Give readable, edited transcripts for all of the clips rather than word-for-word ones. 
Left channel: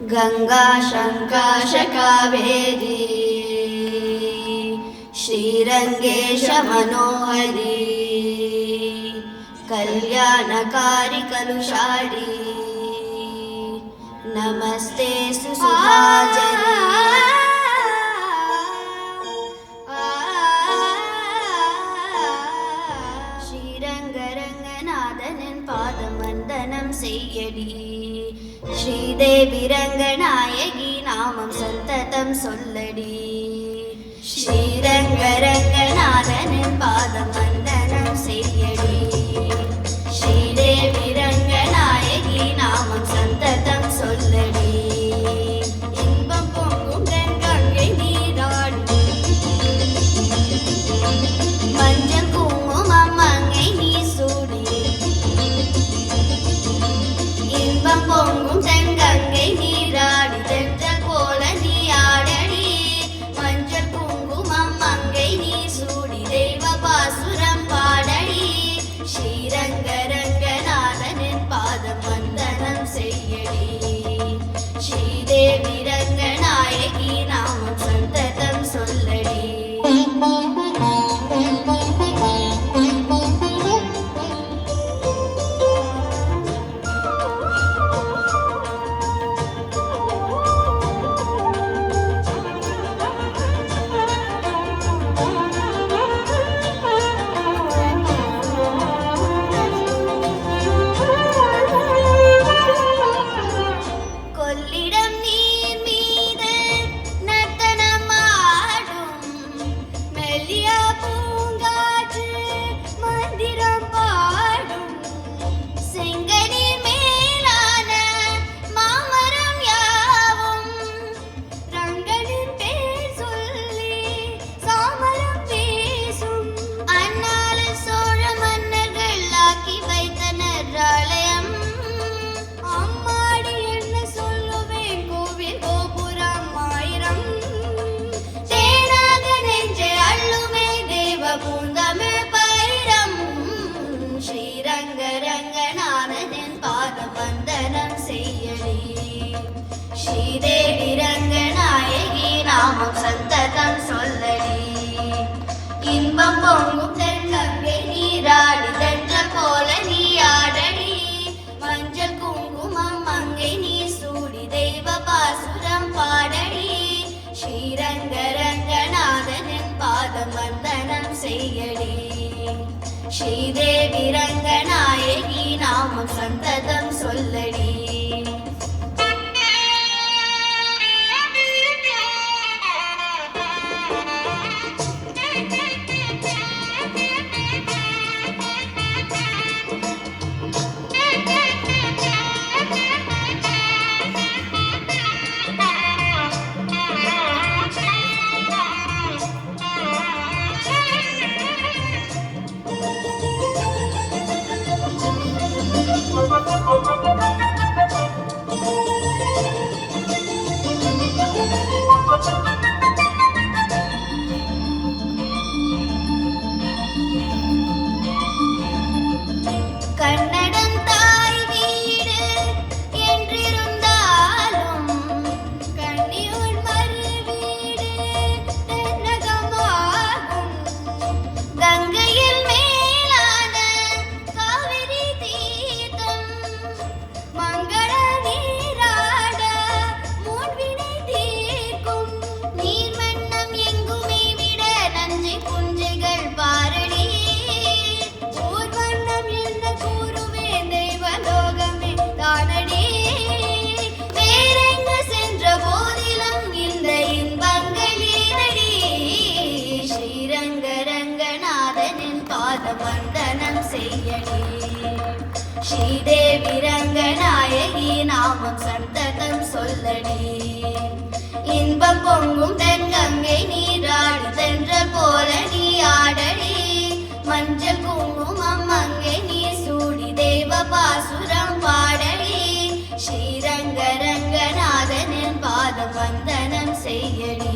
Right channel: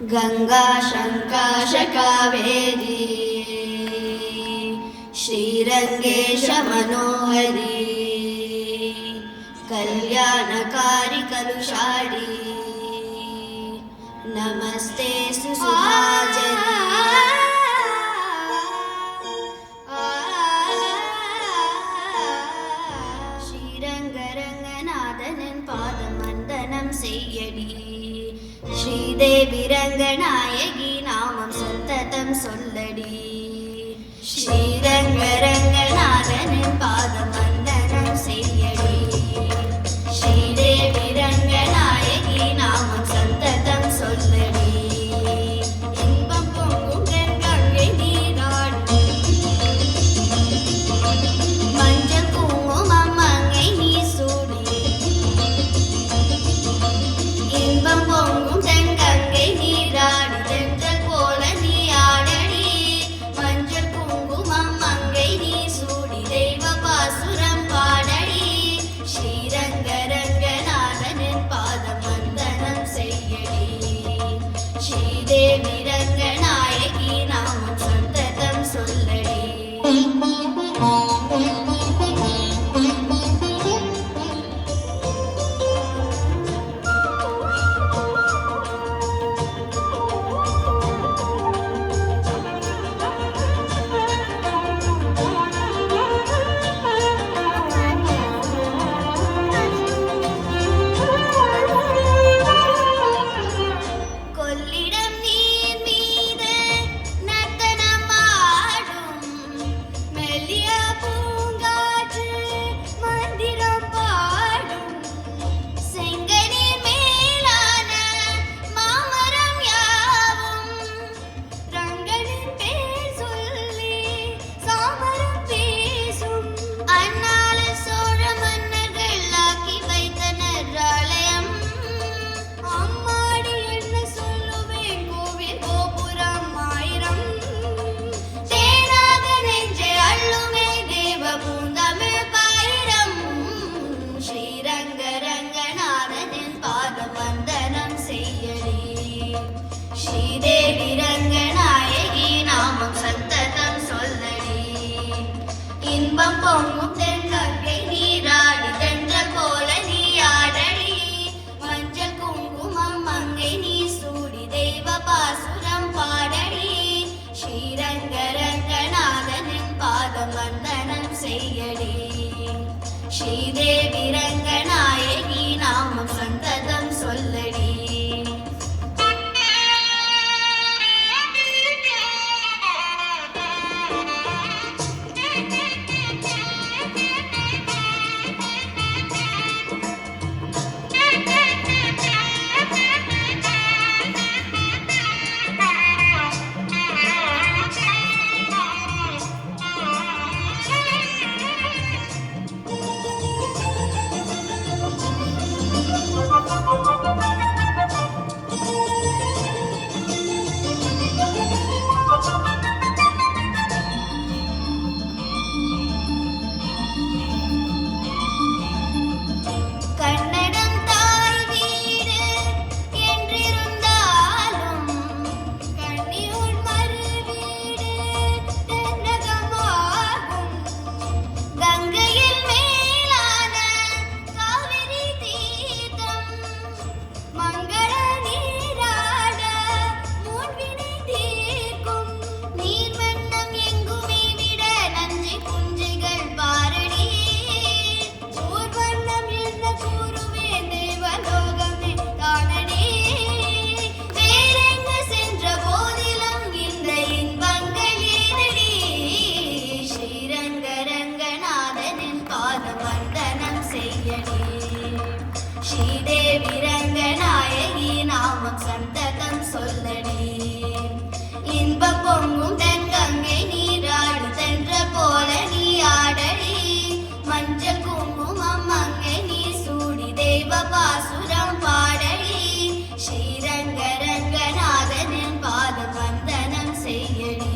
गंगा शंकाश कावेरी श्रीरंगेश मनोहरी कल्याणकारी कलुषारी नमस्ते सुधाजरी श्रीरंगरंगनाथनिन पादमंदनम सेयडी श्रीदेवी रंगनायकी नामम संततम सोल्लडी श्रीरंगरंगनाथनिन पादमंदनम सेयडी श्रीदेवी रंगनायकी नामम संततम सोल्लडी இன்பம் பொங்கும் கங்கை நீராடும் மஞ்சள் குங்குமம் மங்கை நீ சூடி இன்பம் பொங்கும் தென்கங்கை நீராடி தென்றல் போல நீ ஆடடி மஞ்சள் குங்குமம் மங்கை நீ சூடி தெய்வ பாசுரம் பாடடி ஸ்ரீரங்கரங்கநாதனின் பாதம் வந்தனம் செய்யடி ஸ்ரீதேவி ரங்கநாயகி நாமம் சந்ததம் சொல்லடி கொள்ளிடம் நீர் மீது நர்த்தனம் ஆடும் மெல்லிய பூங்காற்று மந்திரம் பாடும் செங்கனீர் மேலான மாமரம் யாவும் ரங்கனின் பேர் சொல்லி சாமரம் பேசும் அந்நாள சோழ மன்னர்கள் ஆக்கி வைத்தனர் ஆலயம் அம்மாடி என்ன சொல்லுவேன் கோவில் கோபுரம் ஆயிரம் தேனாக நெஞ்சை அள்ளுமே தேவ பூந்தமிழ் பயிரம் ஸ்ரீரங்கரங்கநாதனின் பாத வந்தனம் செய்யடி ஸ்ரீதேவி ரங்கநாயகி நாமம் சந்ததம் சொல்லடி இன்பம் பொங்கும் தென்கங்கை நீராடி தென்றல் போல நீ ஆடடி மஞ்சள் குங்குமம் மங்கை நீ சூடி தெய்வ பாசுரம் பாடடி ஸ்ரீரங்கரங்கநாதனின் பாதம் வந்தனம் செய்யடி ஸ்ரீதேவி ரங்கநாயகி நாமம் சந்ததம் சொல்லடி கன்னடம் தாய் வீடு என்றிருந்தாலும் கன்னியூர் மறு வீடு தென்னகமாகும் கங்கையில் மேலான காவிரி தீர்த்தம் மங்கள நீராட மூன்வினை தீர்க்கும் நீர்மன்னம் எங்குமே விட நஞ்சை புஞ்சைகள் பாரடி ஊர் வண்ணம் என்ன கூறுவேன் தெய்வலோகமே தானடி வேறெங்க சென்ற போதிலும் இந்த இன்பங்கள் ஏனடி ஸ்ரீரங்கரங்கநாதனின் பாதம் வந்தனம் செய்யடி ஸ்ரீதேவி ரங்கநாயகி நாமம் சந்ததம் சொல்லடி இன்பம் பொங்கும் தென்கங்கை நீராடி தென்றல் போல நீ ஆடடி மஞ்சள் குங்குமம் மங்கை நீ சூடி தெய்வ பாசுரம் பாடடி ஸ்ரீரங்கரங்கநாதனின் பாதம் வந்தனம் செய்யடி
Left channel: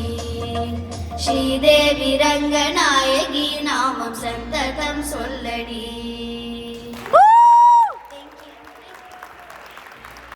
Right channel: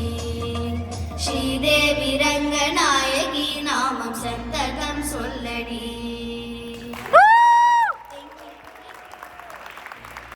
ஸ்ரீதேவி ரங்கநாயகி நாமம் சந்ததம் சொல்லடி